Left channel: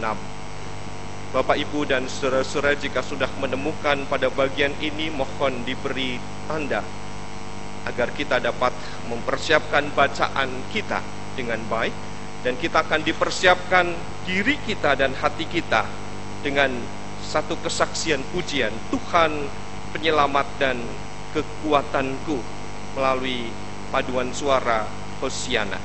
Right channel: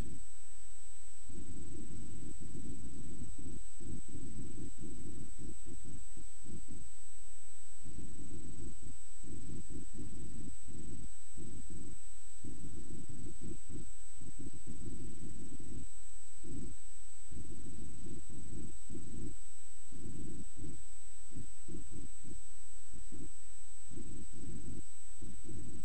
6. Bapak, Ibu, dan saudara-saudara, jika sudah menemukan pada bagian ini, mohon diberi tanda agar kita dapat mempersiapkan bacaan kita dengan baik, dan kita akan dipersiapkan diri kita dan hati kita dengan satu kesaksian pujian, Tuhan penyelamat dan kekuatanku, melalui paduan suara Hosiana.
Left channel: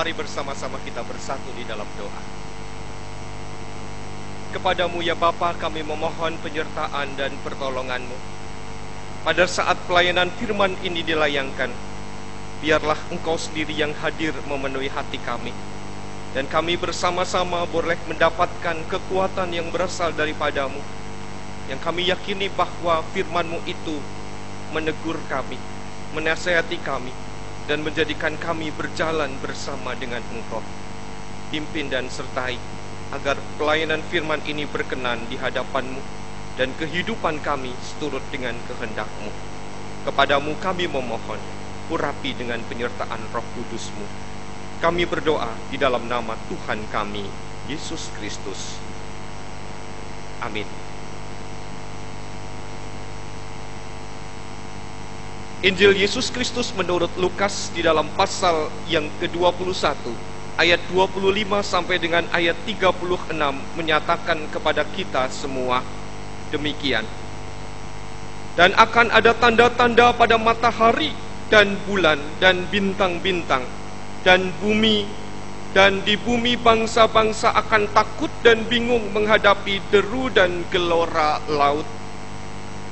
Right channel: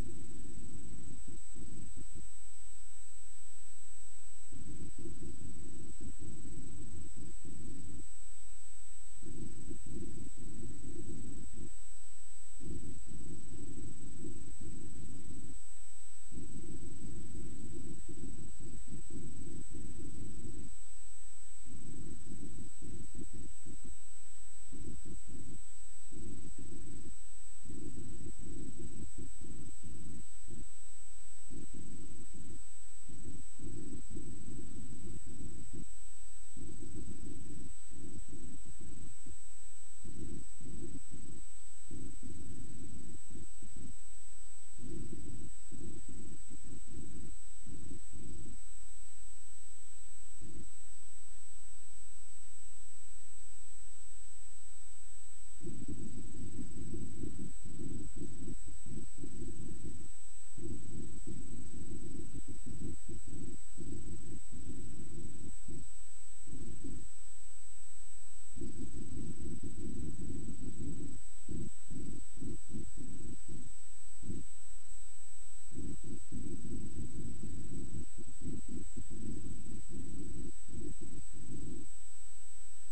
Mari bersama-sama kita bersatu di dalam doa. Kepadamu ya Bapa, kami memohon penyertaan dan pertolongan-Mu. Pada saat pelayanan firman ini dilayangkan, biarlah Engkau sendiri yang hadir memenuhi hati kami, dan kami bersama-sama boleh mendapatkan kekuatan yang berasal daripadamu, yang kami yakini bahwa firman-Mu itu menegur kami, menasihati kami, dan menjadikan kami berjalan bersama dengan Engkau. Pimpin dan sertai agar pelayanan firman ini berkenan di hadapan-Mu dan kehidupan kami seturut dengan kehendak-Mu. Kepadamu kami memohon, urapi dengan penyertaan Roh Kudus-Mu. Kami berdoa di dalam nama Tuhan kami, Yesus Kristus. Amin. Injil Yesus Kristus menurut Lukas di dalam pasal yang ke-21 ayat 25 sampai dengan ayat 36 menyatakan kepada kita semua demikian. Dan akan ada tanda-tanda pada matahari dan bulan dan bintang-bintang dan bumi, dan di bumi bangsa-bangsa akan takut dan bingung menghadapi deru dan gelora laut.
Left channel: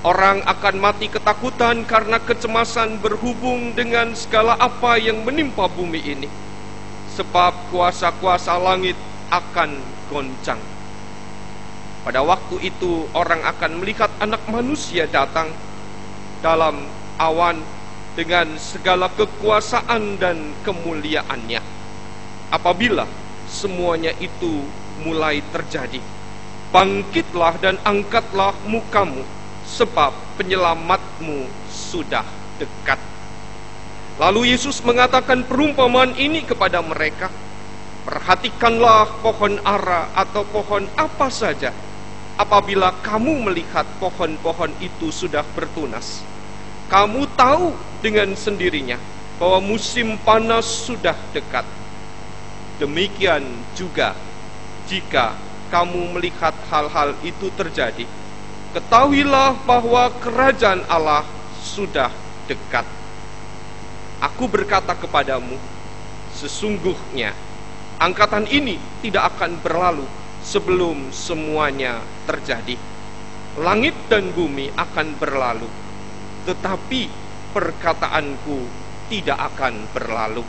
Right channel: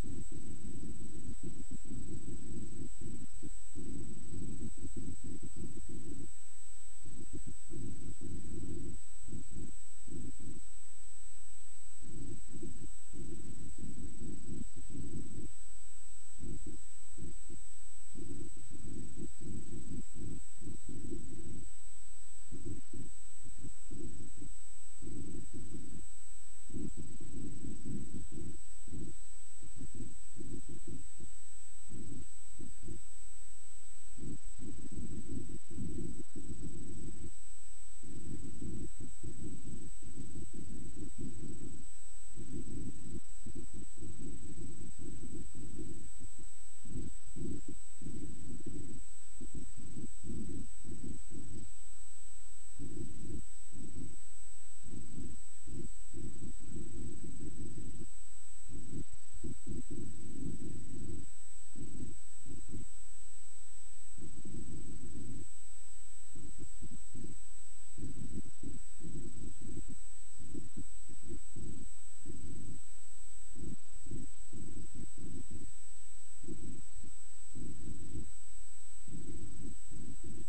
Orang akan mati ketakutan karena kecemasan berhubung dengan segala apa yang menimpa bumi ini. Sebab kuasa-kuasa langit akan goncang. Pada waktu itu orang akan melihat Anak Manusia datang dalam awan dengan segala kekuasaan dan kemuliaannya. Apabila semuanya itu mulai terjadi, bangkitlah dan angkatlah mukamu, sebab penyelamatmu sudah dekat. Lalu Yesus mengatakan perumpamaan ini kepada mereka. Perhatikanlah pohon ara atau pohon apa saja. Apabila kamu melihat pohon-pohon itu sudah bertunas, kamu tahu dengan sendirinya bahwa musim panas sudah dekat. Demikian juga jika kamu melihat hal-hal itu terjadi, ketahuilah bahwa kerajaan Allah sudah dekat. Aku berkata kepadamu, sesungguhnya angkatan ini tidak akan berlalu sebelum semuanya terjadi. Langit dan bumi akan berlalu, tetapi perkataanku tidak akan berlalu.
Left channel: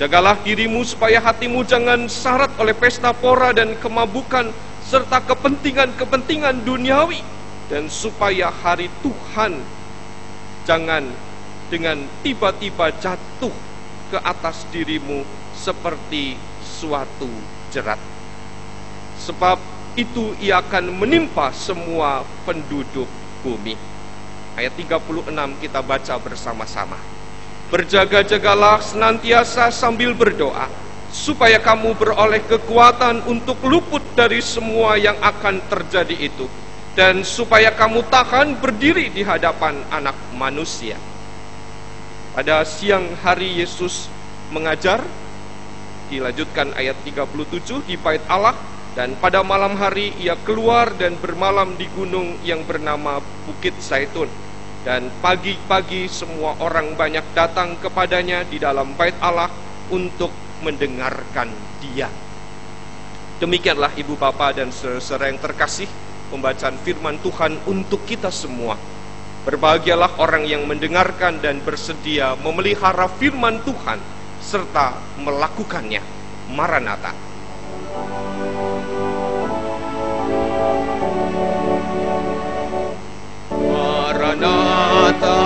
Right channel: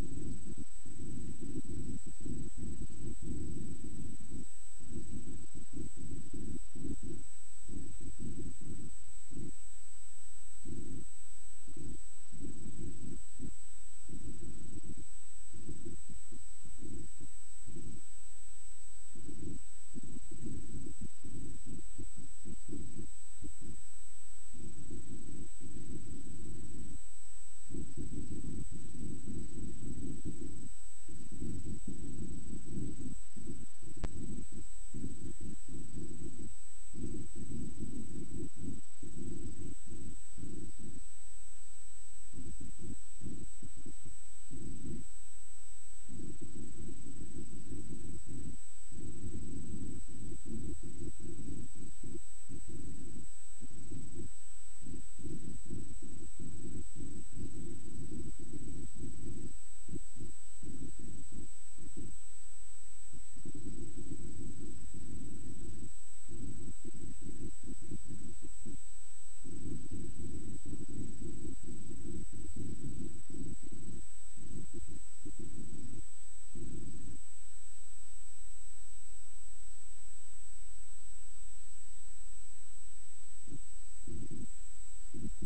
Jagalah dirimu supaya hatimu jangan syarat oleh pesta pora dan kemabukan serta kepentingan-kepentingan duniawi, dan supaya hari Tuhan jangan dengan tiba-tiba jatuh ke atas dirimu seperti suatu jerat. Sebab itu ia akan menimpa semua penduduk bumi. Ayat 36 kita baca bersama-sama. Berjaga-jagalah senantiasa sambil berdoa, supaya kamu beroleh kekuatan untuk luput dari semua yang akan terjadi itu, dan supaya kamu tahan berdiri di hadapan Anak Manusia. Pada siang hari Yesus mengajar, dilanjutkan ayat 37 di Bait Allah, dan pada malam hari ia keluar dan bermalam di gunung yang bernama Bukit Zaitun. Dan pagi-pagi semua orang banyak datang kepadanya di dalam Bait Allah untuk mendengarkan dia. Demikianlah Ibu Bapa dan saudara yang terkasih, pembacaan firman Tuhan untuk kita semua. Berbahagialah orang yang mendengarkan dan bersedia memelihara firman Tuhan serta melakukannya. Maranatha. Maranatha,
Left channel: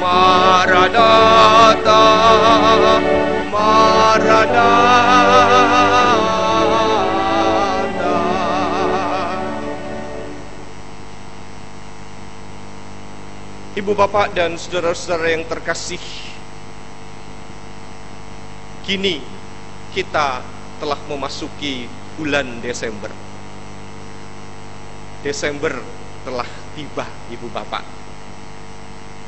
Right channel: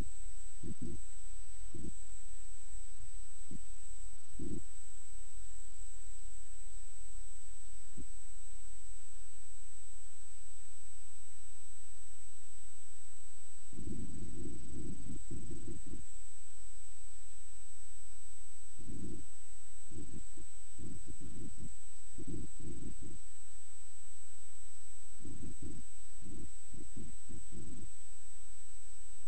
Maranatha, Maranatha. Ibu bapak dan saudara-saudara yang terkasih, kini kita telah memasuki bulan Desember. Desember telah tiba, ibu bapak.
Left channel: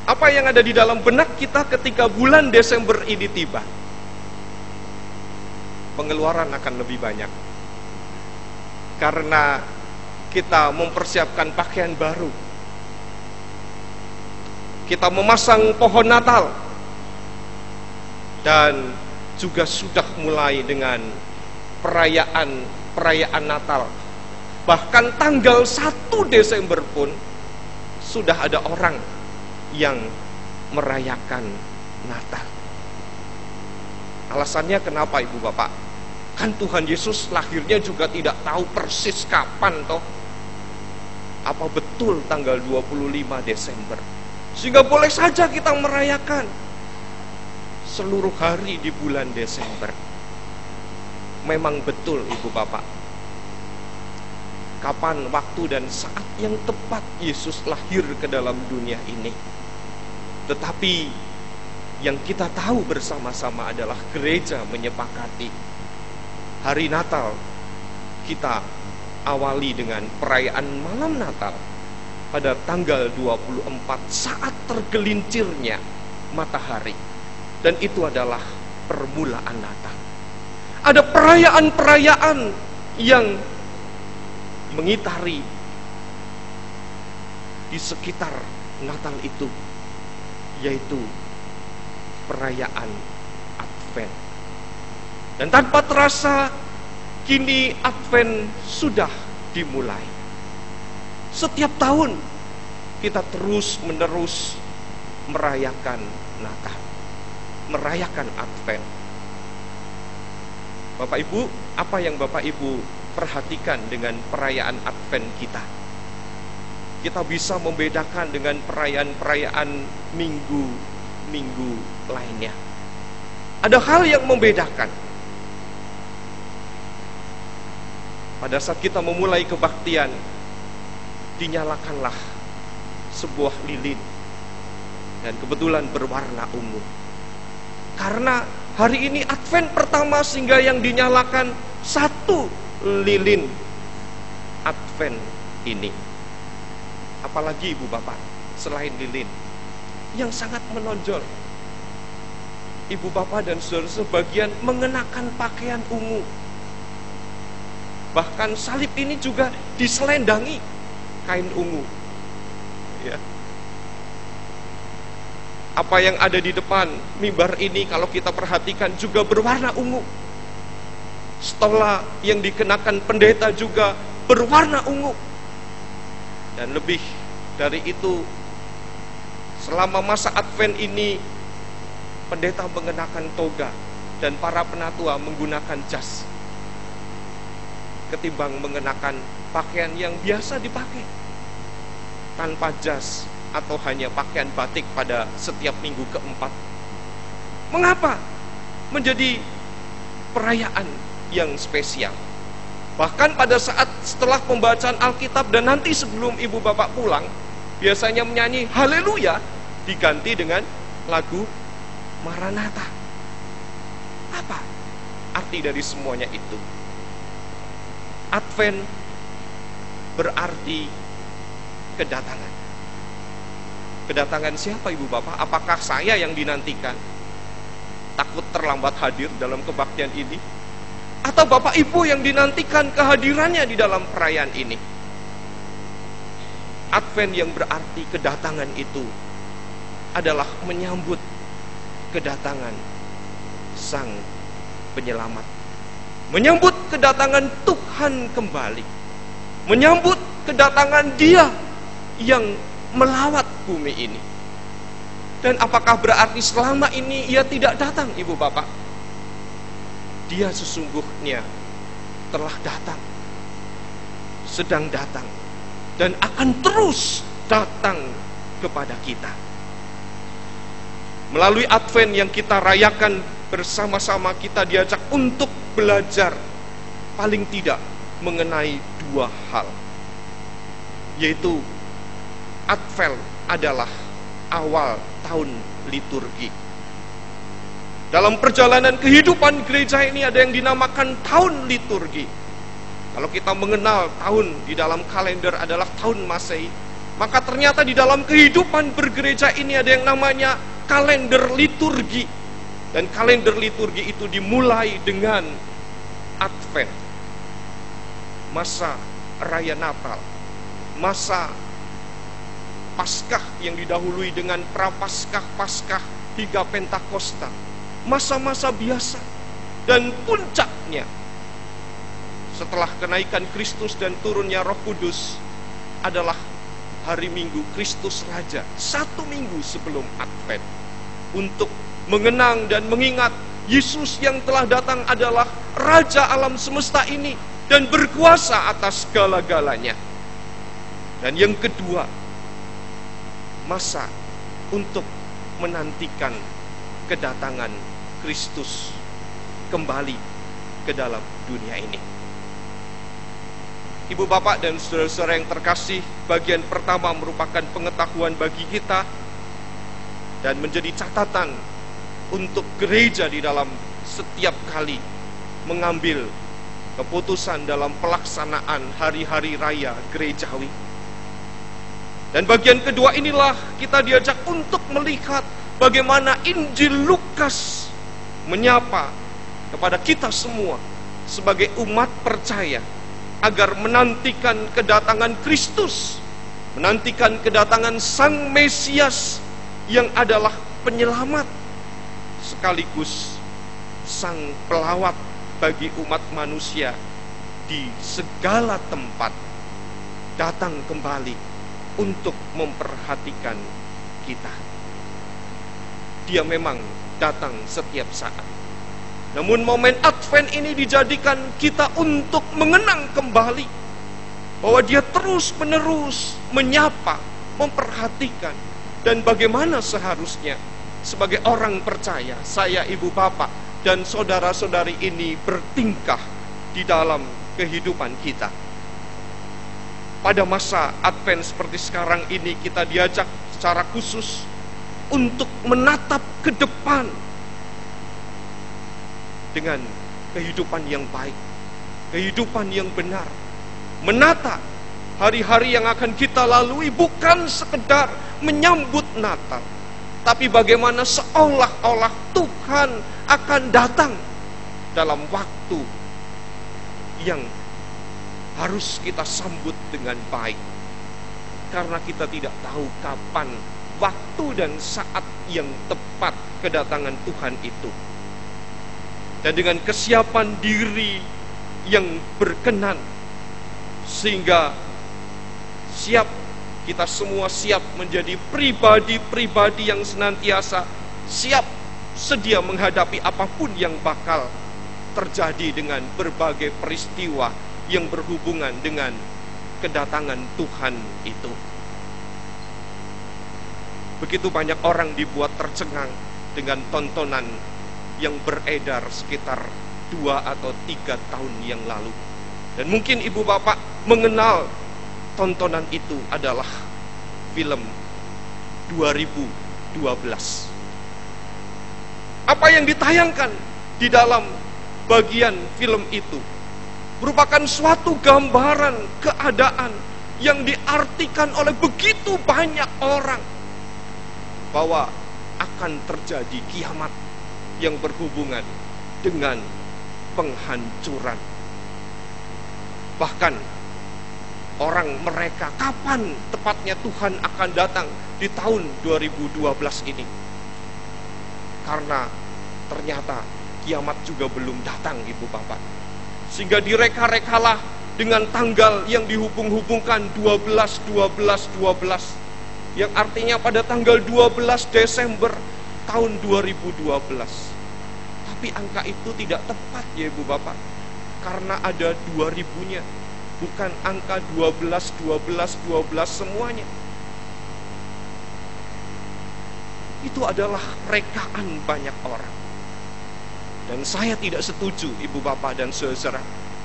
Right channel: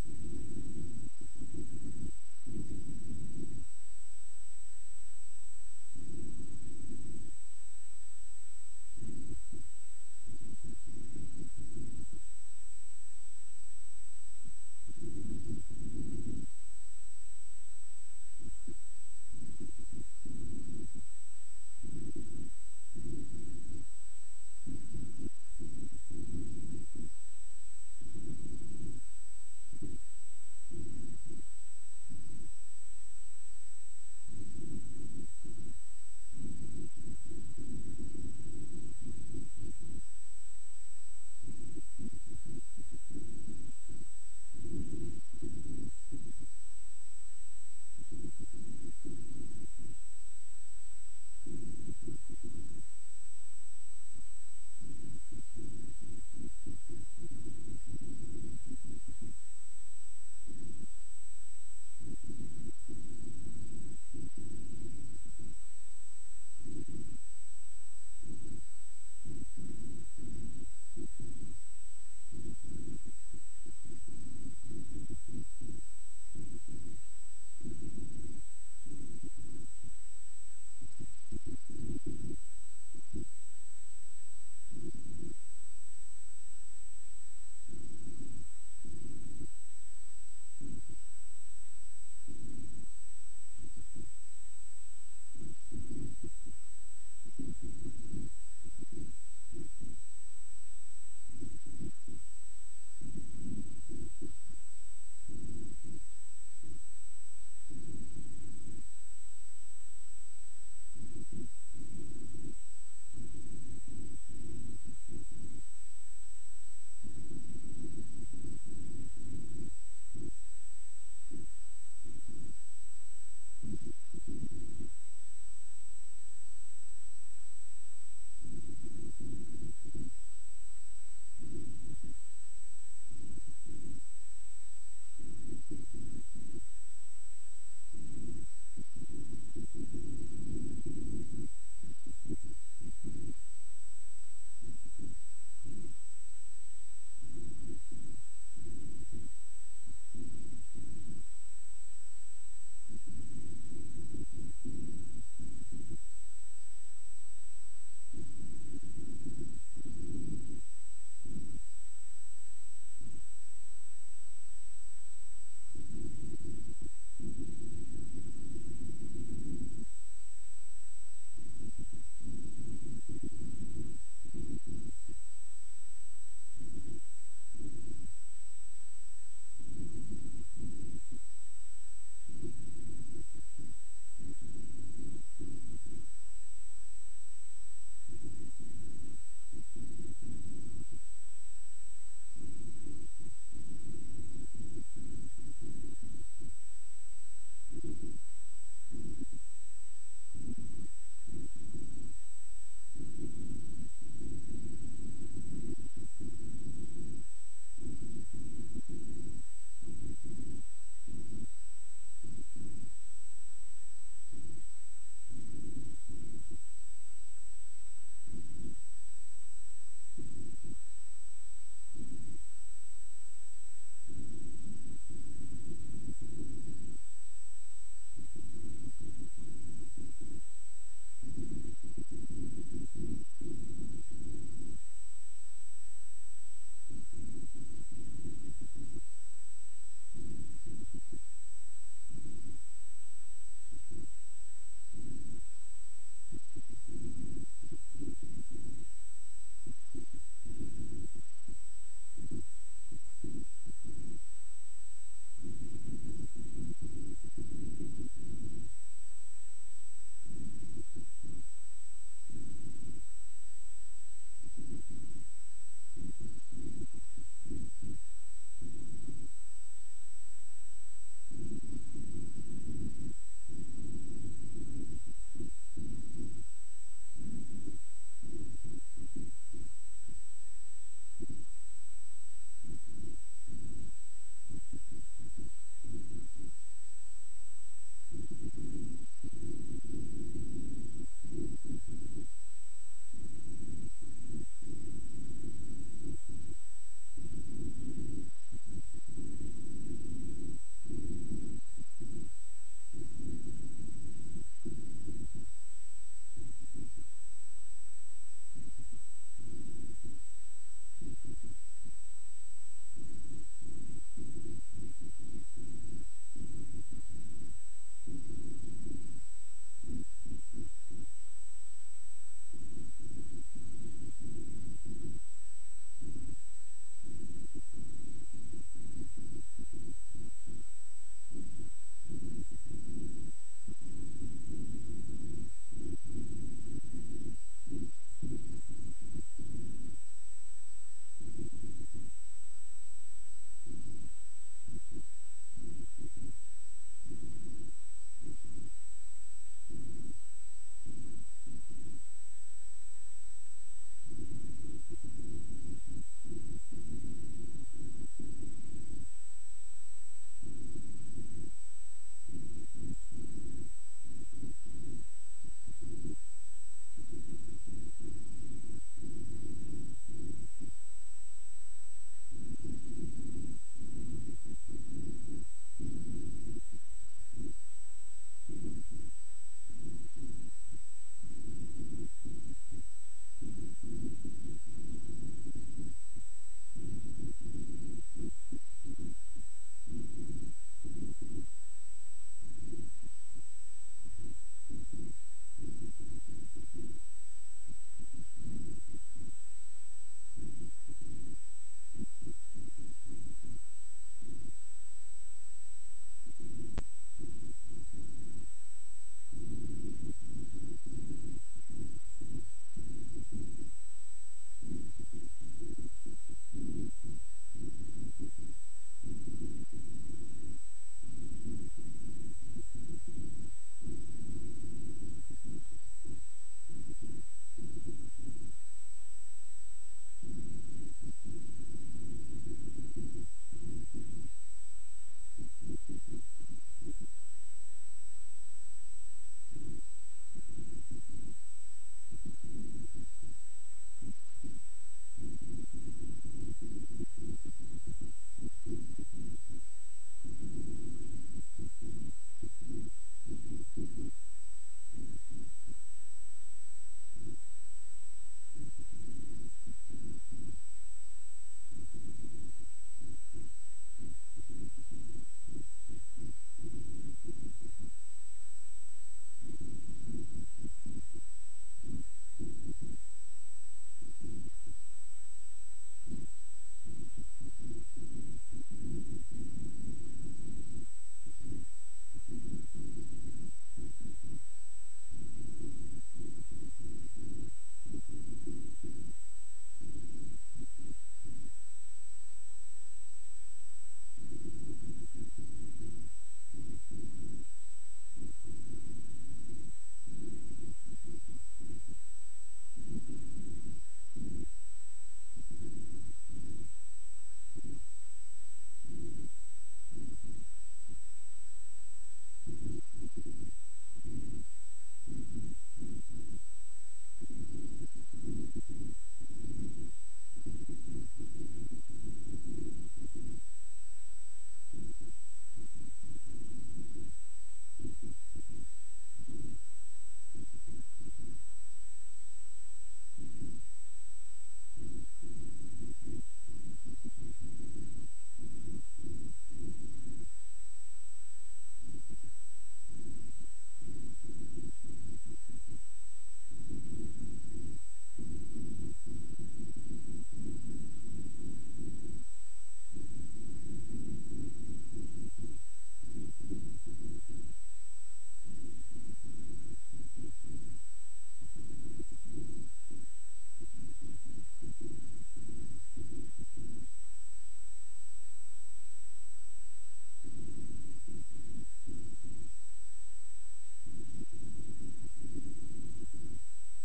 Apa yang ada di dalam benak kita ketika bulan Desember ini tiba? Pengeluaran akan lebih banyak, karena kita mempersiapkan pakaian baru. Kita memasang pohon Natal, dan juga sudah mulai dengan perayaan Natal. Bahkan tanggal 1 Desember pun sudah ada orang yang merayakan Natal. Alasannya kenapa, ibu bapak? Kan Tuhan Yesus lahirnya juga tidak tahu persis kapan toh. Apa betul tanggal 25 Desember? Sehingga boleh saja kita merayakan seluruh hari di bulan Desember. memang betul Ibu Bapak, kapan waktu dan saat yang tepat Yesus lahir ke dalam dunia ini. Tetapi yang kita tahu bersama-sama adalah gereja menyepakati hari Natal kita awali dengan perayaan malam Natal pada tanggal 24 saat tergelincirnya matahari. Dan itu adalah permulaan Natal. Ada perayaan-perayaan yang mengitari di sekitar Natal itu, yaitu perayaan Advent. Dan tanpa terasa kini Advent sudah dimulai. Setiap tahun kita terus-menerus merayakan Natal, merayakan Advent. Bapak Ibu, apa yang Bapak Ibu perhatikan dengan perayaan Advent kita? Kita bisa membedakan dengan perayaan-perayaan minggu lainnya. Ada hal yang membedakan. Pada saat kita memulai kebaktian, dinyalakanlah sebuah lilin, dan kebetulan berwarna ungu. Karena hari ini Advent pertama, sehingga yang dinyalakan satu lilin Advent ini. Apalagi Ibu Bapak, selain lilin yang sangat menonjol, Ibu Bapak dan saudara sebagian mengenakan pakaian ungu. Bahkan salib ini juga diselendangi kain ungu. Ya. Apa yang ada di depan mimbar ini kalau kita perhatikan juga berwarna ungu. Stola yang dikenakan pendeta juga berwarna ungu. Dan lebih dari itu, selama masa Advent ini pendeta mengenakan toga dan para penatua menggunakan jas, ketimbang mengenakan pakaian yang biasa dipakai tanpa jas atau hanya pakaian batik pada setiap minggu keempat. Mengapa menjadi perayaan yang spesial? Bahkan pada saat setelah pembacaan Alkitab dan nanti sebelum Ibu Bapak pulang, biasanya menyanyi haleluya diganti dengan lagu Maranatha. Apa arti dari semuanya itu? Advent berarti kedatangan. Kedatangan siapa Ibu Bapak? Apakah saya yang dinantikan? Takut terlambat hadir dalam kebaktian ini? Atau Bapak Ibu yang dinantikan kehadirannya di dalam perayaan ini? Advent yang berarti kedatangan itu adalah menyambut kedatangan Sang Penyelamat, menyambut kedatangan Tuhan kembali, menyambut kedatangan Dia yang melawat bumi ini. Dan apakah berarti selama ini Ia tidak datang Ibu Bapak? Dia sesungguhnya telah datang, sedang datang, dan akan terus datang kepada kita. Melalui Advent yang kita rayakan bersama-sama, kita diajak untuk belajar paling tidak mengenai dua hal, yaitu Advent adalah awal tahun liturgi. Dalam perjalanan kehidupan gereja ini ada yang dinamakan tahun liturgi. Kalau kita mengenal tahun di dalam kalender adalah tahun Masehi, maka ternyata di dalam kehidupan bergereja ini ada yang namanya kalender liturgi. Dan kalender liturgi itu dimulai dengan Advent, masa raya Natal, masa Paskah yang didahului dengan Prapaskah, Paskah hingga Pentakosta, masa-masa biasa. Dan puncaknya setelah kenaikan Kristus dan turunnya Roh Kudus adalah hari Minggu Kristus Raja, 1 minggu sebelum Advent, untuk mengenang dan mengingat Yesus yang telah datang adalah Raja alam semesta ini dan berkuasa atas segala-galanya. Dan yang kedua, masa untuk menantikan kedatangan Kristus kembali ke dalam dunia ini. Ibu bapak dan saudara-saudara yang terkasih, bagian pertama merupakan pengetahuan bagi kita dan menjadi catatan untuk gereja di dalam setiap kali mengambil keputusan dalam pelaksanaan hari-hari raya gerejawi. Dan bagian kedua inilah kita diajak untuk melihat bagaimana Injil Lukas menyapa kepada kita semua sebagai umat percaya agar menantikan kedatangan Kristus, menantikan kedatangan Sang Mesias yang adalah penyelamat sekaligus Sang pelawat bagi umat manusia di segala tempat, datang kembali untuk memperhatikan kita. Dia memang datang setiap saat. Namun momen Advent ini dijadikan kita untuk mengenang kembali bahwa Dia terus-menerus menyapa, memperhatikan, dan bagaimana seharusnya sebagai orang percaya, saya, ibu bapak, dan saudara-saudari ini bertingkah di dalam kehidupan kita. Pada masa Advent seperti sekarang ini, kita diajak secara khusus untuk menatap ke depan dengan kehidupan yang baik, kehidupan yang benar, menata hari-hari yang akan kita lalui bukan sekedar menyambut Natal, tapi bagaimana seolah-olah Tuhan akan datang dalam waktu yang harus kita sambut dengan baik, karena kita tidak tahu kapan waktu dan saat yang tepat kedatangan Tuhan itu. Dan dengan kesiapan diri yang berkenan, sehingga kita semua siap menjadi pribadi-pribadi yang senantiasa siap sedia menghadapi apapun yang bakal terjadi dengan berbagai peristiwa yang berhubungan dengan kedatangan Tuhan itu. Begitu banyak orang dibuat tercengang dengan tontonan yang beredar sekitar 2 atau 3 tahun yang lalu. Dan mungkin ibu bapak mengenal tontonan itu adalah film 2012. Apa yang ditayangkan di dalam bagian film itu merupakan suatu gambaran keadaan yang diartikan oleh begitu banyak orang bahwa akan terjadi kiamat yang berhubungan dengan penghancuran. Bahkan orang mereka kapan tepatnya Tuhan akan datang di tahun 2012 ini, karena ternyata kiamat juga belum datang ibu bapak, sehingga direka-rekalah dengan tanggal yang dihubung-hubungkan 12 yang artinya pada tanggal 12 Desember tahun 2012. Tapi angka itu tidak tepat ya ibu bapak, karena ada 2000-nya, bukan angka 12 semuanya. Itu adalah rekaan banyak orang. Dan saya tidak setuju ibu bapak dan saudara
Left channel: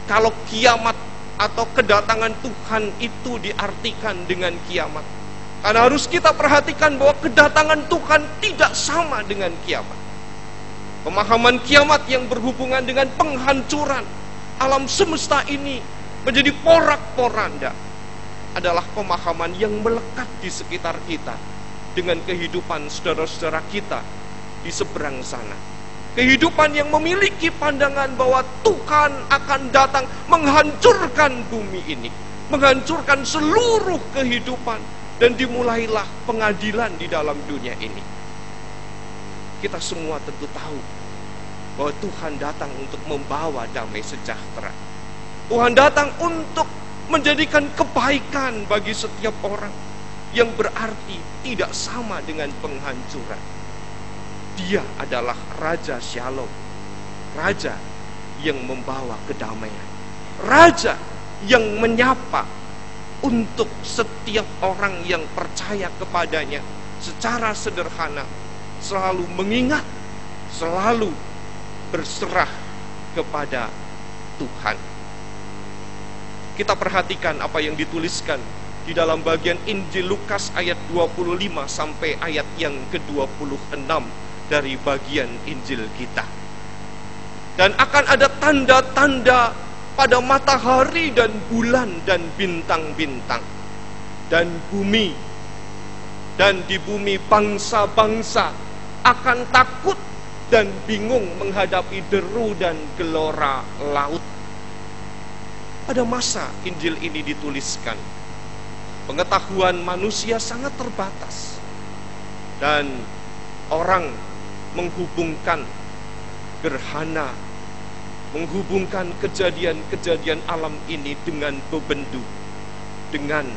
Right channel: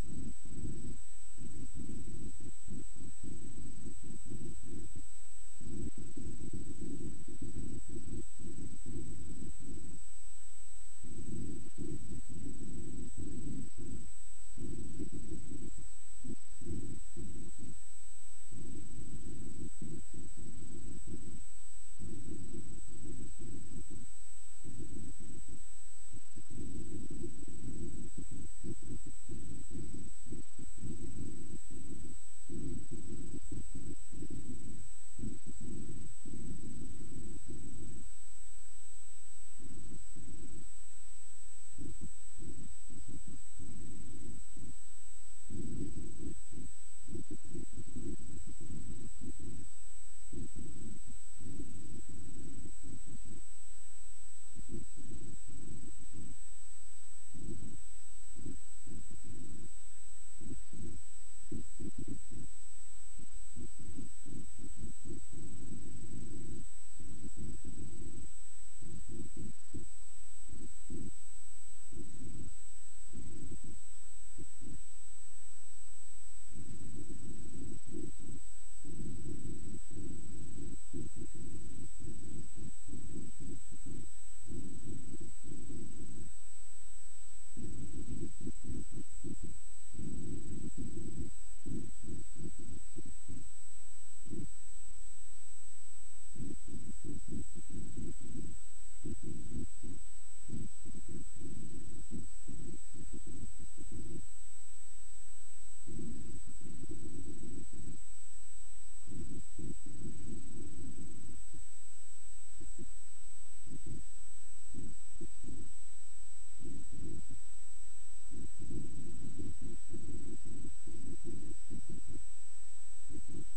kalau kiamat atau kedatangan Tuhan itu diartikan dengan kiamat. Karena harus kita perhatikan bahwa kedatangan Tuhan tidak sama dengan kiamat. Pemahaman kiamat yang berhubungan dengan penghancuran alam semesta ini menjadi porak-poranda adalah pemahaman yang melekat di sekitar kita dengan kehidupan saudara-saudara kita di seberang sana. Kehidupan yang memiliki pandangan bahwa Tuhan akan datang menghancurkan bumi ini, menghancurkan seluruh kehidupan, dan dimulailah pengadilan di dalam dunia ini. Kita semua tentu tahu bahwa Tuhan datang untuk membawa damai sejahtera. Tuhan datang untuk menjadikan kebaikan bagi setiap orang, yang berarti tidak sama dengan penghancuran. Dia adalah Raja Shalom, Raja yang membawa kedamaian, Raja yang menyapa untuk setiap orang yang percaya kepadanya secara sederhana, selalu mengingat, selalu berserah kepada Tuhan. Kita perhatikan apa yang dituliskan di dalam bagian Injil Lukas ayat 25 sampai ayat yang ke-26 dari bagian Injil kita. Dan akan ada tanda-tanda pada matahari dan bulan dan bintang-bintang. Dan bumi, dan di bumi bangsa-bangsa akan takut dan bingung menghadapi deru dan gelora laut. Pada masa Injil ini dituliskan, pengetahuan manusia sangat terbatas. Dan orang menghubungkan gerhana, menghubungkan kejadian-kejadian alam ini dengan bebendu, dengan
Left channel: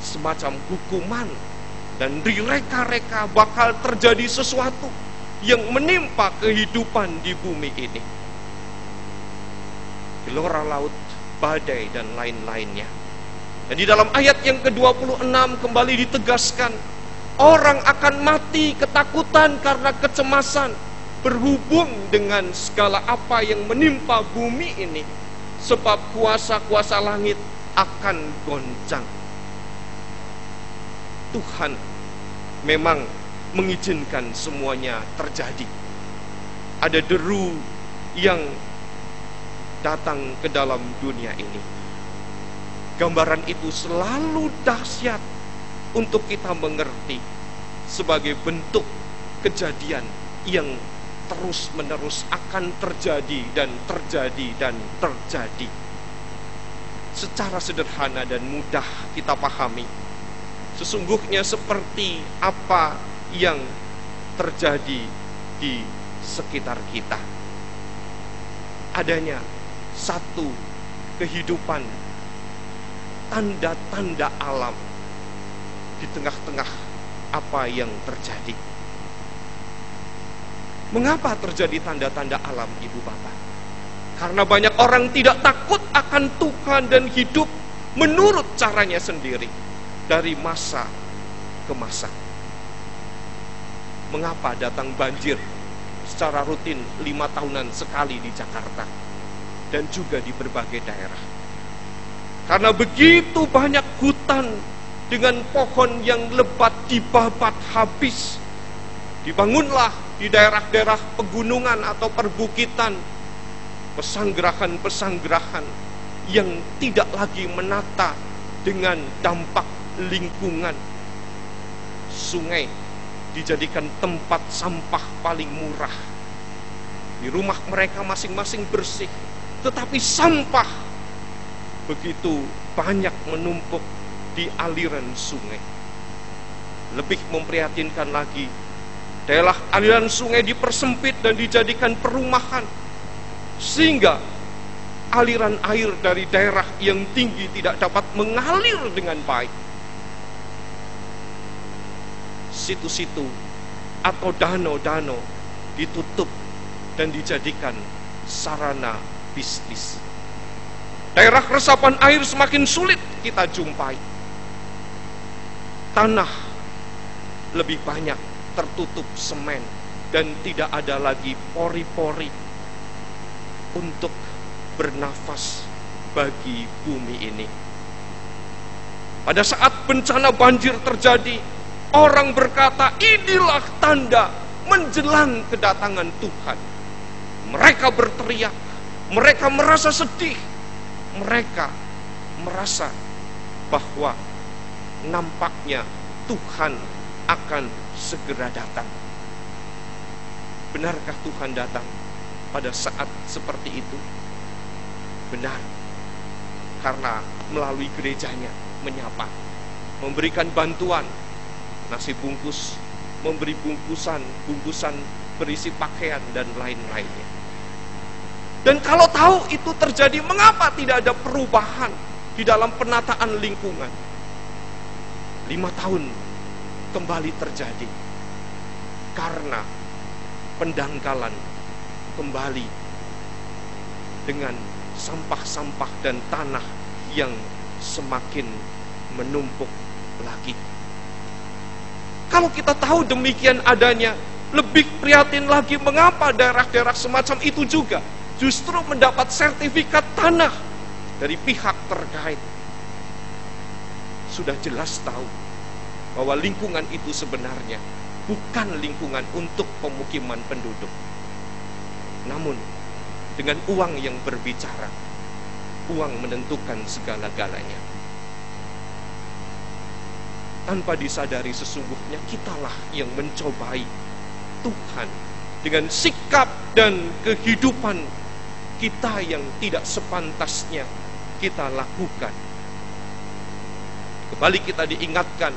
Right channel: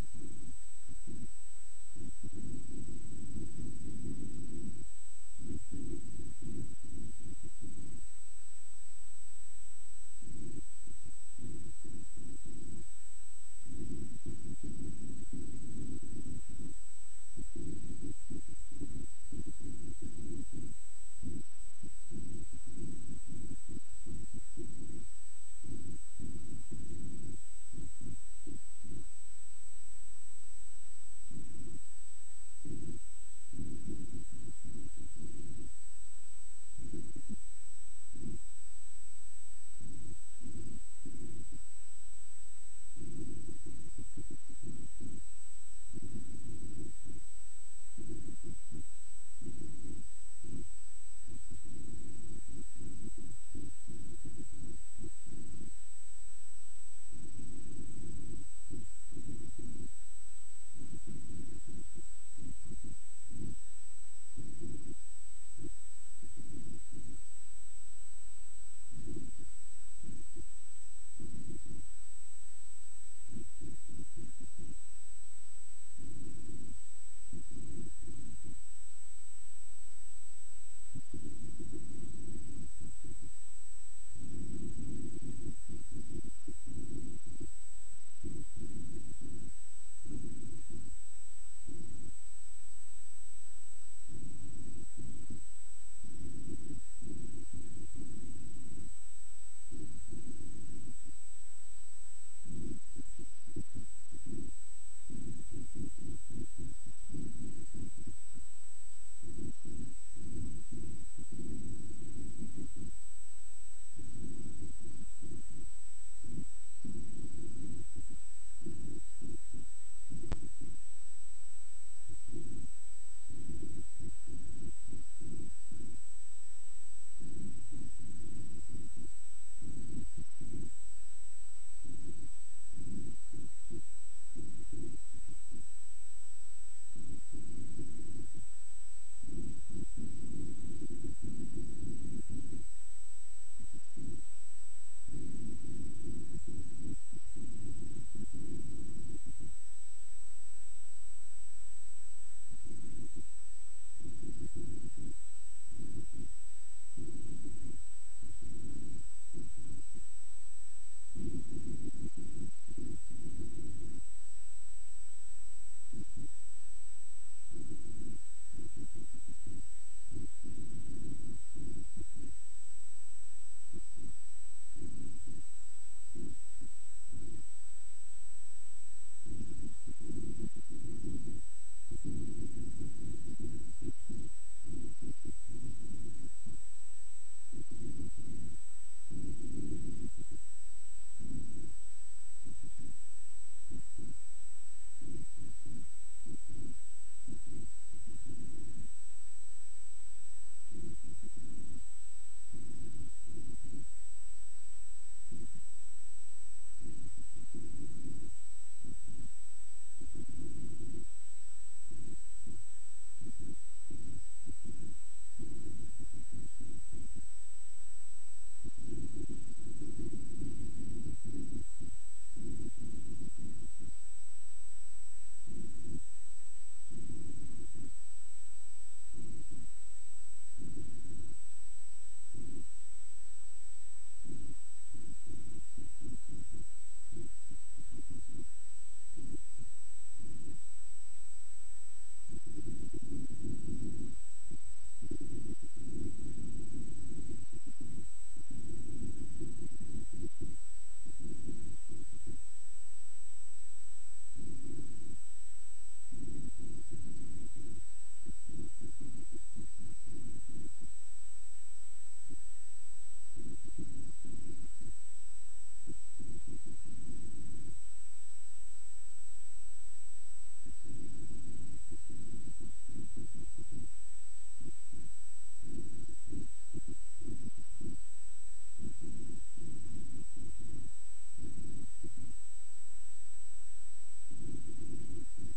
semacam hukuman, dan direka-reka bakal terjadi sesuatu yang menimpa kehidupan di bumi ini. Gelora laut, badai, dan lain-lainnya. Dan di dalam ayat yang ke-26 kembali ditegaskan, orang akan mati ketakutan karena kecemasan berhubung dengan segala apa yang menimpa bumi ini, sebab kuasa-kuasa langit akan goncang. Tuhan memang mengizinkan semuanya terjadi. Ada deru yang datang ke dalam dunia ini. Gambaran itu selalu dahsyat untuk kita mengerti sebagai bentuk kejadian yang terus-menerus akan terjadi dan terjadi dan terjadi. Secara sederhana dan mudah kita pahami, sesungguhnya seperti apa yang terjadi di sekitar kita. Adanya satu kehidupan, tanda-tanda alam di tengah-tengah apa yang terjadi. Mengapa terjadi tanda-tanda alam, Ibu Bapak? Karena banyak orang tidak takut akan Tuhan dan hidup menurut caranya sendiri dari masa ke masa. Mengapa datang banjir secara rutin 5 tahunan sekali di Jakarta dan juga di berbagai daerah? Karena begitu banyak hutan dengan pohon yang lebat dibabat habis. Dibangunlah di daerah-daerah pegunungan atau perbukitan pesanggerahan-pesanggerahan yang tidak lagi menata dengan dampak lingkungan. Sungai dijadikan tempat sampah paling murah. Di rumah mereka masing-masing bersih, tetapi sampah begitu banyak menumpuk di aliran sungai. Lebih memprihatinkan lagi, daerah aliran sungai dipersempit dan dijadikan perumahan, sehingga aliran air dari daerah yang tinggi tidak dapat mengalir dengan baik. Situ-situ atau danau-danau ditutup dan dijadikan sarana bisnis. Daerah resapan air semakin sulit kita jumpai. Tanah lebih banyak tertutup semen dan tidak ada lagi pori-pori untuk bernafas bagi bumi ini. Pada saat bencana banjir terjadi, orang berkata, inilah tanda menjelang kedatangan Tuhan. Mereka berteriak, mereka merasa sedih, mereka merasa bahwa nampaknya Tuhan akan segera datang. Benarkah Tuhan datang pada saat seperti itu? Benar, karena melalui gerejanya menyapa, memberikan bantuan, nasi bungkus, memberi bungkusan berisi pakaian dan lain-lainnya. Dan kalau tahu itu terjadi, mengapa tidak ada perubahan di dalam penataan lingkungan? 5 tahun kembali terjadi karena pendangkalan kembali dengan sampah-sampah dan tanah yang semakin menumpuk lagi. Kalau kita tahu demikian adanya, lebih prihatin lagi mengapa daerah-daerah semacam itu juga justru mendapat sertifikat tanah dari pihak terkait. Sudah jelas tahu bahwa lingkungan itu sebenarnya bukan lingkungan untuk pemukiman penduduk. Namun, dengan uang yang berbicara, uang menentukan segala-galanya. Tanpa disadari sesungguhnya kitalah yang mencobai Tuhan dengan sikap dan kehidupan kita yang tidak sepantasnya kita lakukan. Kembali kita diingatkan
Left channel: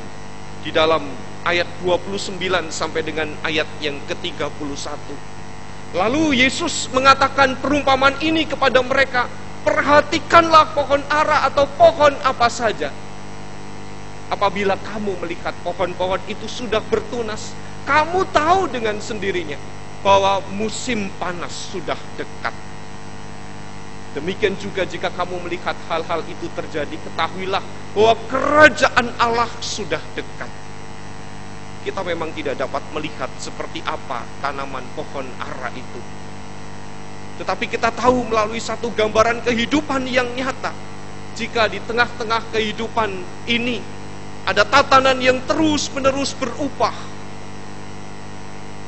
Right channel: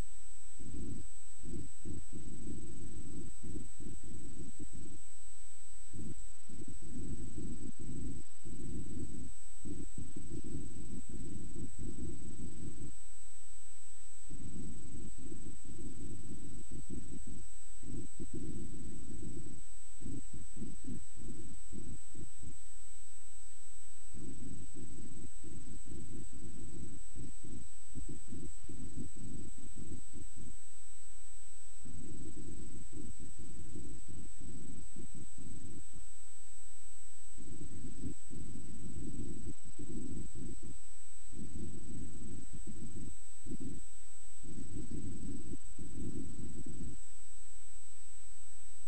di dalam ayat 29 sampai dengan ayat yang ke-31. Lalu Yesus mengatakan perumpamaan ini kepada mereka, perhatikanlah pohon ara atau pohon apa saja. Apabila kamu melihat pohon-pohon itu sudah bertunas, kamu tahu dengan sendirinya bahwa musim panas sudah dekat. Demikian juga jika kamu melihat hal-hal itu terjadi, ketahuilah bahwa kerajaan Allah sudah dekat. Kita memang tidak dapat melihat seperti apa tanaman pohon ara itu. Tetapi kita tahu melalui satu gambaran kehidupan yang nyata, jika di tengah-tengah kehidupan ini ada tatanan yang terus-menerus berubah,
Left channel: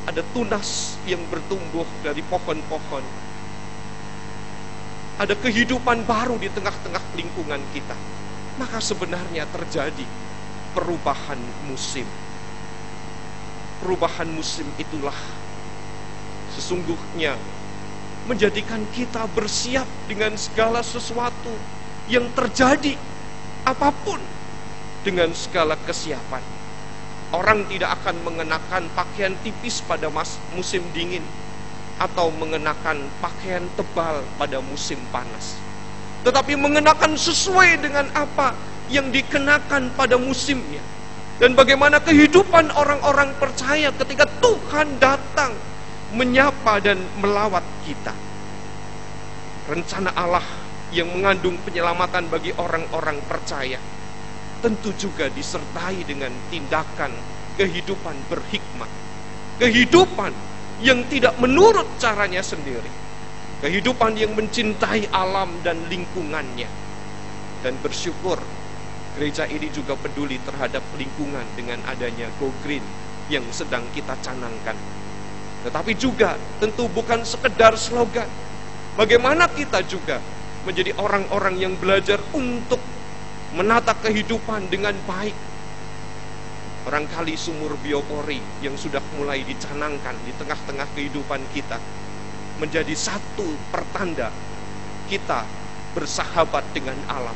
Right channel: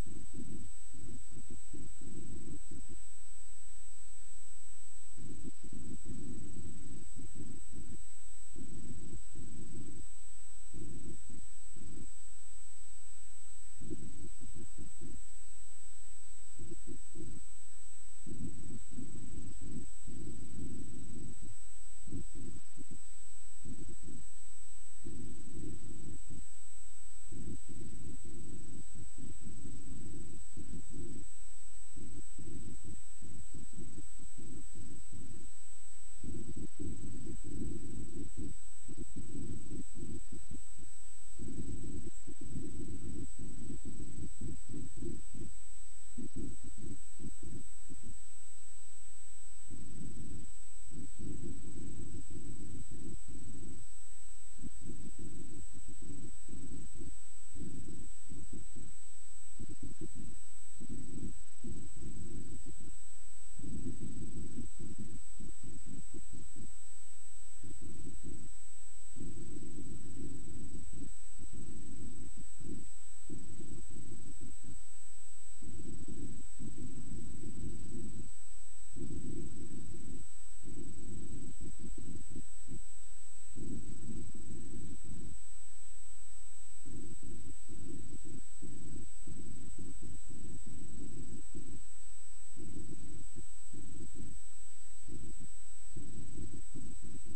ada tunas yang bertumbuh dari pohon-pohon, ada kehidupan baru di tengah-tengah lingkungan kita, maka sebenarnya terjadi perubahan musim. Perubahan musim itulah sesungguhnya menjadikan kita bersiap dengan segala sesuatu yang terjadi, apapun, dengan segala kesiapan. Orang tidak akan mengenakan pakaian tipis pada musim dingin atau mengenakan pakaian tebal pada musim panas, tetapi mengenakan sesuai dengan apa yang dikenakan pada musimnya. Dan bagaimana kehidupan orang-orang percaya ketika Tuhan datang menyapa dan melawat kita. Rencana Allah yang mengandung penyelamatan bagi orang-orang percaya tentu juga disertai dengan tindakan kehidupan berhikmat, kehidupan yang tidak menurut caranya sendiri, kehidupan yang mencintai alam dan lingkungannya. Dan bersyukur gereja ini juga peduli terhadap lingkungan dengan adanya Go Green yang sedang kita canangkan. Tetapi juga tentu bukan sekedar slogan. Bagaimana kita juga menjadi orang-orang yang belajar untuk menata kehidupan dengan baik. Barangkali sumur biopori yang sudah mulai dicanangkan di tengah-tengah kehidupan kita menjadi satu pertanda kita bersahabat dengan alam,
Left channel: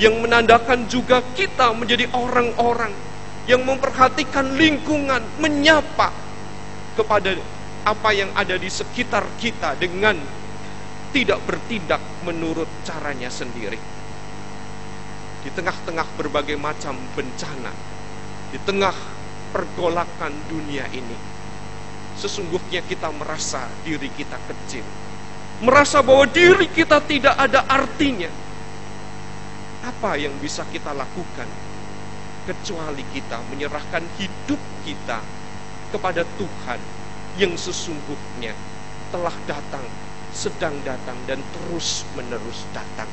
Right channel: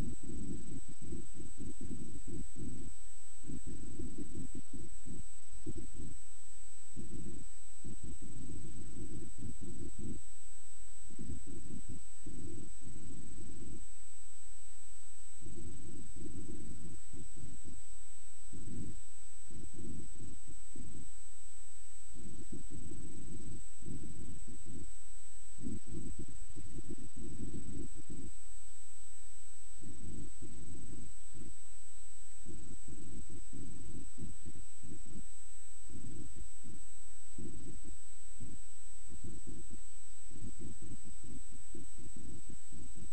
yang menandakan juga kita menjadi orang-orang yang memperhatikan lingkungan, menyapa kepada apa yang ada di sekitar kita dengan tidak bertindak menurut caranya sendiri. Di tengah-tengah berbagai macam bencana, di tengah pergolakan dunia ini, sesungguhnya kita merasa diri kita kecil, merasa bahwa diri kita tidak ada artinya. Apa yang bisa kita lakukan kecuali kita menyerahkan hidup kita kepada Tuhan yang sesungguhnya telah datang, sedang datang, dan terus-menerus datang.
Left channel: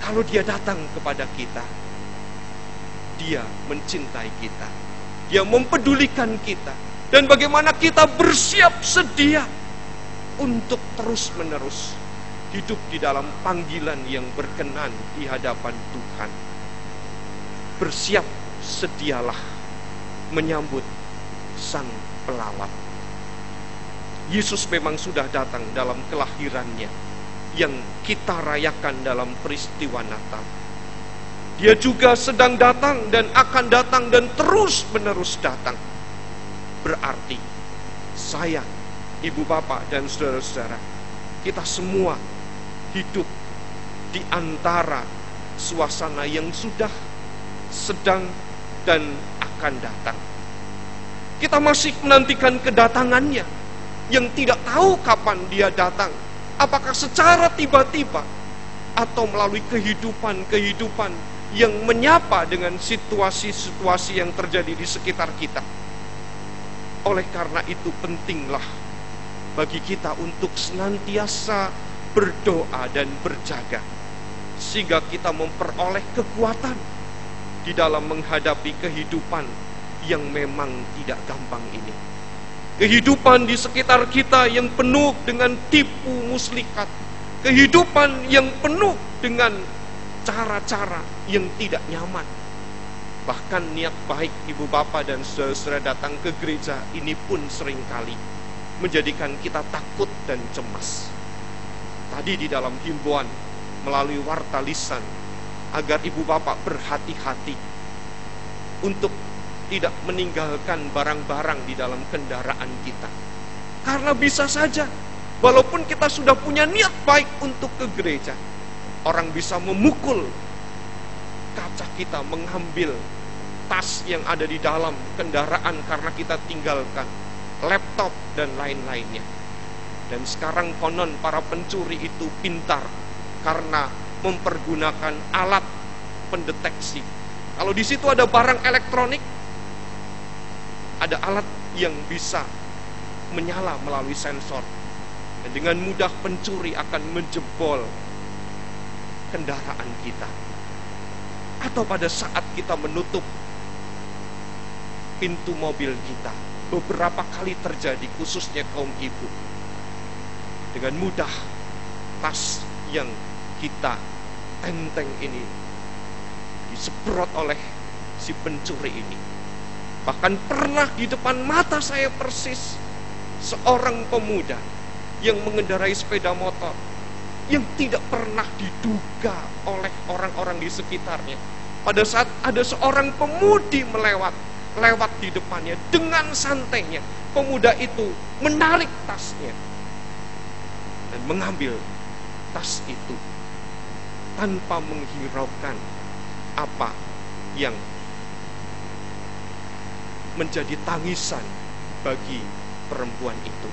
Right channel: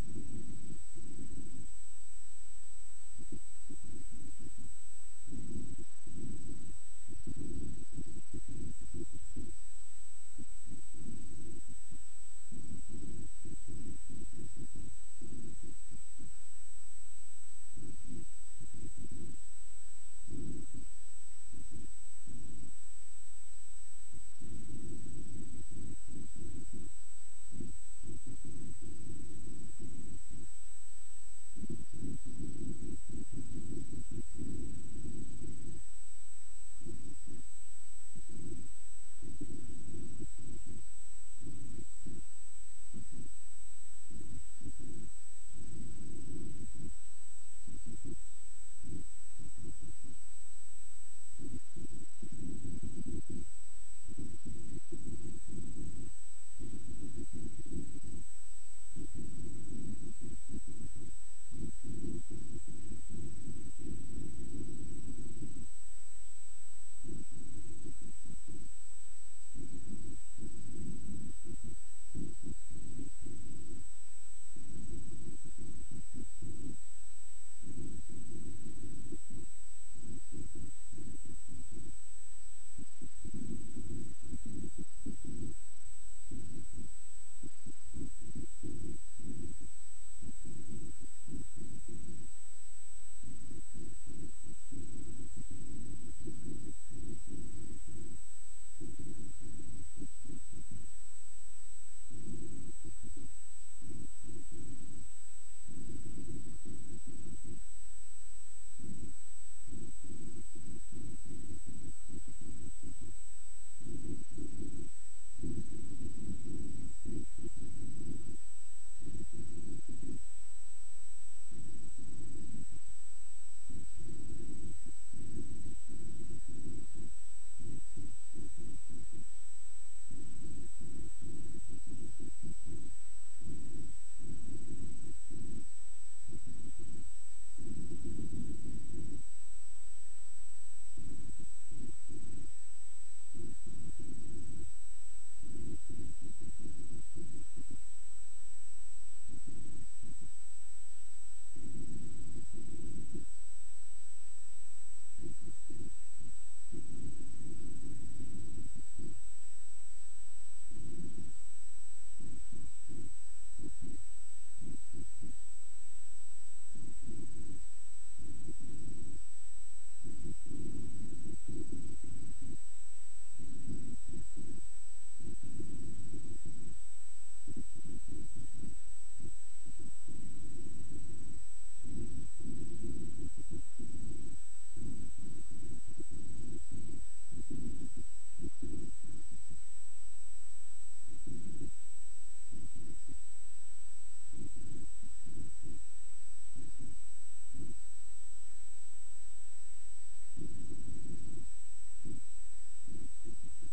Kalau Dia datang kepada kita, Dia mencintai kita, Dia mempedulikan kita, dan bagaimana kita bersiap sedia untuk terus-menerus hidup di dalam panggilan yang berkenan di hadapan Tuhan. Bersiap sedialah menyambut Sang Pelawat. Yesus memang sudah datang dalam kelahirannya yang kita rayakan dalam peristiwa Natal. Dia juga sedang datang dan akan datang dan terus-menerus datang. Berarti saya, ibu bapak dan saudara-saudara, kita semua hidup di antara suasana yang sudah, sedang, dan akan datang. Kita masih menantikan kedatangannya yang tidak tahu kapan Dia datang. Apakah secara tiba-tiba atau melalui kehidupan-kehidupan yang menyapa dengan situasi-situasi yang terjadi di sekitar kita. Oleh karena itu pentinglah bagi kita untuk senantiasa berdoa dan berjaga, sehingga kita memperoleh kekuatan di dalam menghadapi kehidupan yang memang tidak gampang ini. Kehidupan di sekitar kita yang penuh dengan tipu muslihat, kehidupan yang penuh dengan cara-cara yang tidak nyaman. Bahkan niat baik ibu bapak dan saudara datang ke gereja ini pun seringkali menjadikan kita takut dan cemas. Tadi di dalam himbauan melalui warta lisan, agar ibu bapak berhati-hati untuk tidak meninggalkan barang-barang di dalam kendaraan kita. Karena bisa saja, walaupun kita sudah punya niat baik untuk ke gereja, orang bisa memukul kaca kita, mengambil tas yang ada di dalam kendaraan karena kita tinggalkan, laptop dan lain-lainnya. Dan sekarang konon para pencuri itu pintar karena mempergunakan alat pendeteksi. Kalau di situ ada barang elektronik, ada alat yang bisa menyala melalui sensor, dan dengan mudah pencuri akan menjebol kendaraan kita. Atau pada saat kita menutup pintu mobil kita, beberapa kali terjadi, khususnya kaum ibu, dengan mudah tas yang kita tenteng ini disemprot oleh si pencuri ini. Bahkan pernah di depan mata saya persis seorang pemuda yang mengendarai sepeda motor yang tidak pernah diduga oleh orang-orang di sekitarnya. Pada saat ada seorang pemudi lewat di depannya, dengan santainya pemuda itu menarik tasnya dan mengambil tas itu tanpa menghiraukan apa yang menjadi tangisan bagi perempuan itu.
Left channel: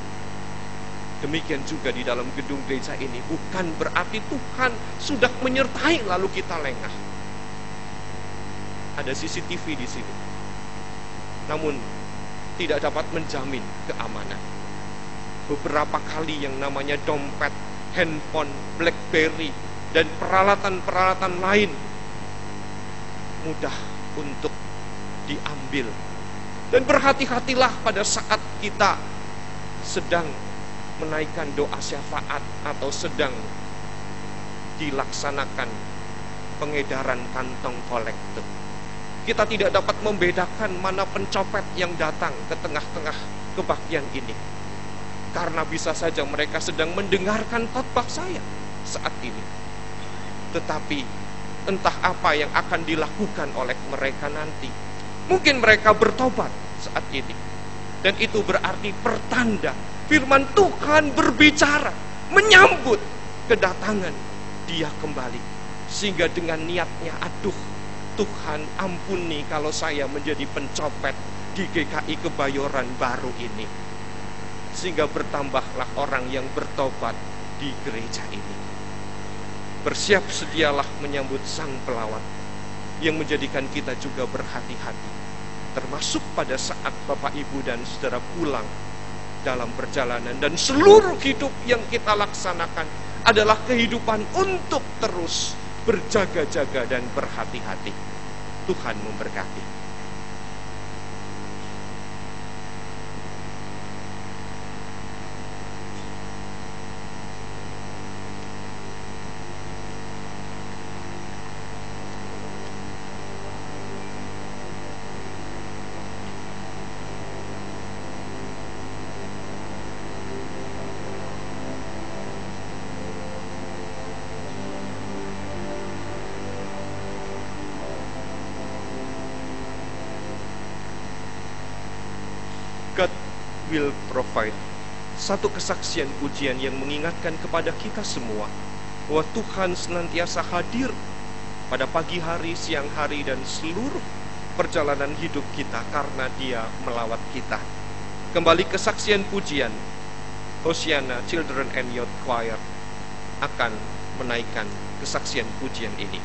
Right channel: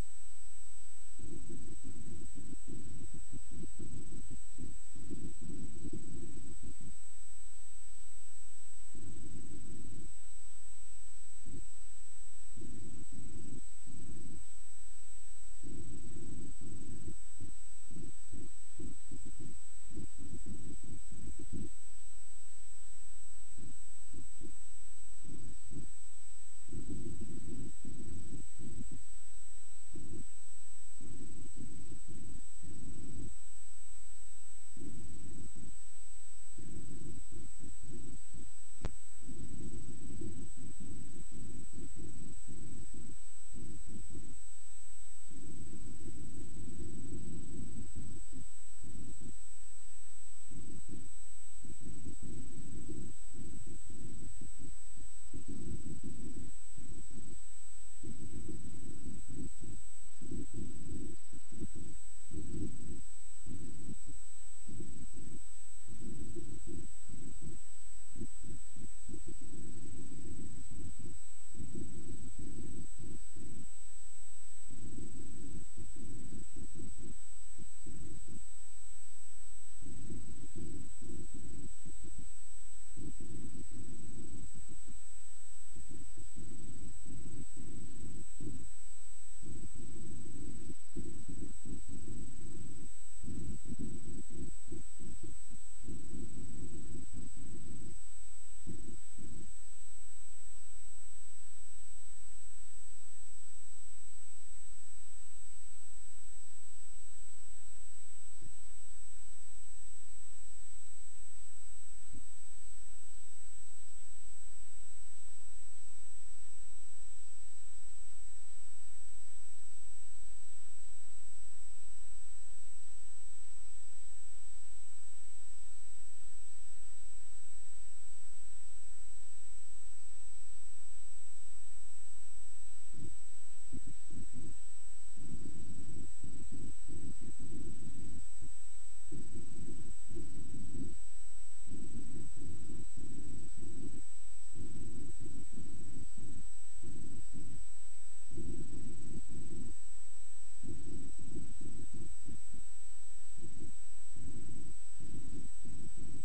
Demikian juga di dalam gedung gereja ini, bukan berarti Tuhan sudah menyertai lalu kita lengah. Ada CCTV di sini, namun tidak dapat menjamin keamanan. Beberapa kali yang namanya dompet, handphone, BlackBerry, dan peralatan-peralatan lain mudah untuk diambil. Dan berhati-hatilah pada saat kita sedang menaikkan doa syafaat atau sedang dilaksanakan pengedaran kantong kolektor. Kita tidak dapat membedakan mana pencopet yang datang ke tengah-tengah kebaktian ini, karena bisa saja mereka sedang mendengarkan khotbah saya saat ini. Tetapi entah apa yang akan dilakukan oleh mereka nanti. Mungkin mereka bertobat saat ini, dan itu berarti pertanda firman Tuhan berbicara, menyambut kedatangan Dia kembali. Sehingga dengan niatnya, aduh Tuhan ampuni kalau saya menjadi pencopet di GKI Kebayoran Baru ini. Sehingga bertambahlah orang yang bertobat di gereja ini. Bersiap sedialah menyambut Sang Pelawat yang menjadikan kita juga berhati-hati, termasuk pada saat Bapak Ibu dan Saudara pulang dalam perjalanan. Dan seluruh hidup yang kita laksanakan adalah kehidupan untuk terus berjaga-jaga dan berhati-hati. Tuhan memberkati. God will provide. Satu kesaksian pujian yang mengingatkan kepada kita semua bahwa Tuhan senantiasa hadir pada pagi hari, siang hari, dan seluruh perjalanan hidup kita karena Dia melawat kita. Kembali kesaksian pujian, Hosiana Children and Youth Choir akan menaikkan kesaksian pujian ini.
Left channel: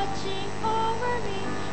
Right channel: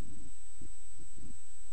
watching over me.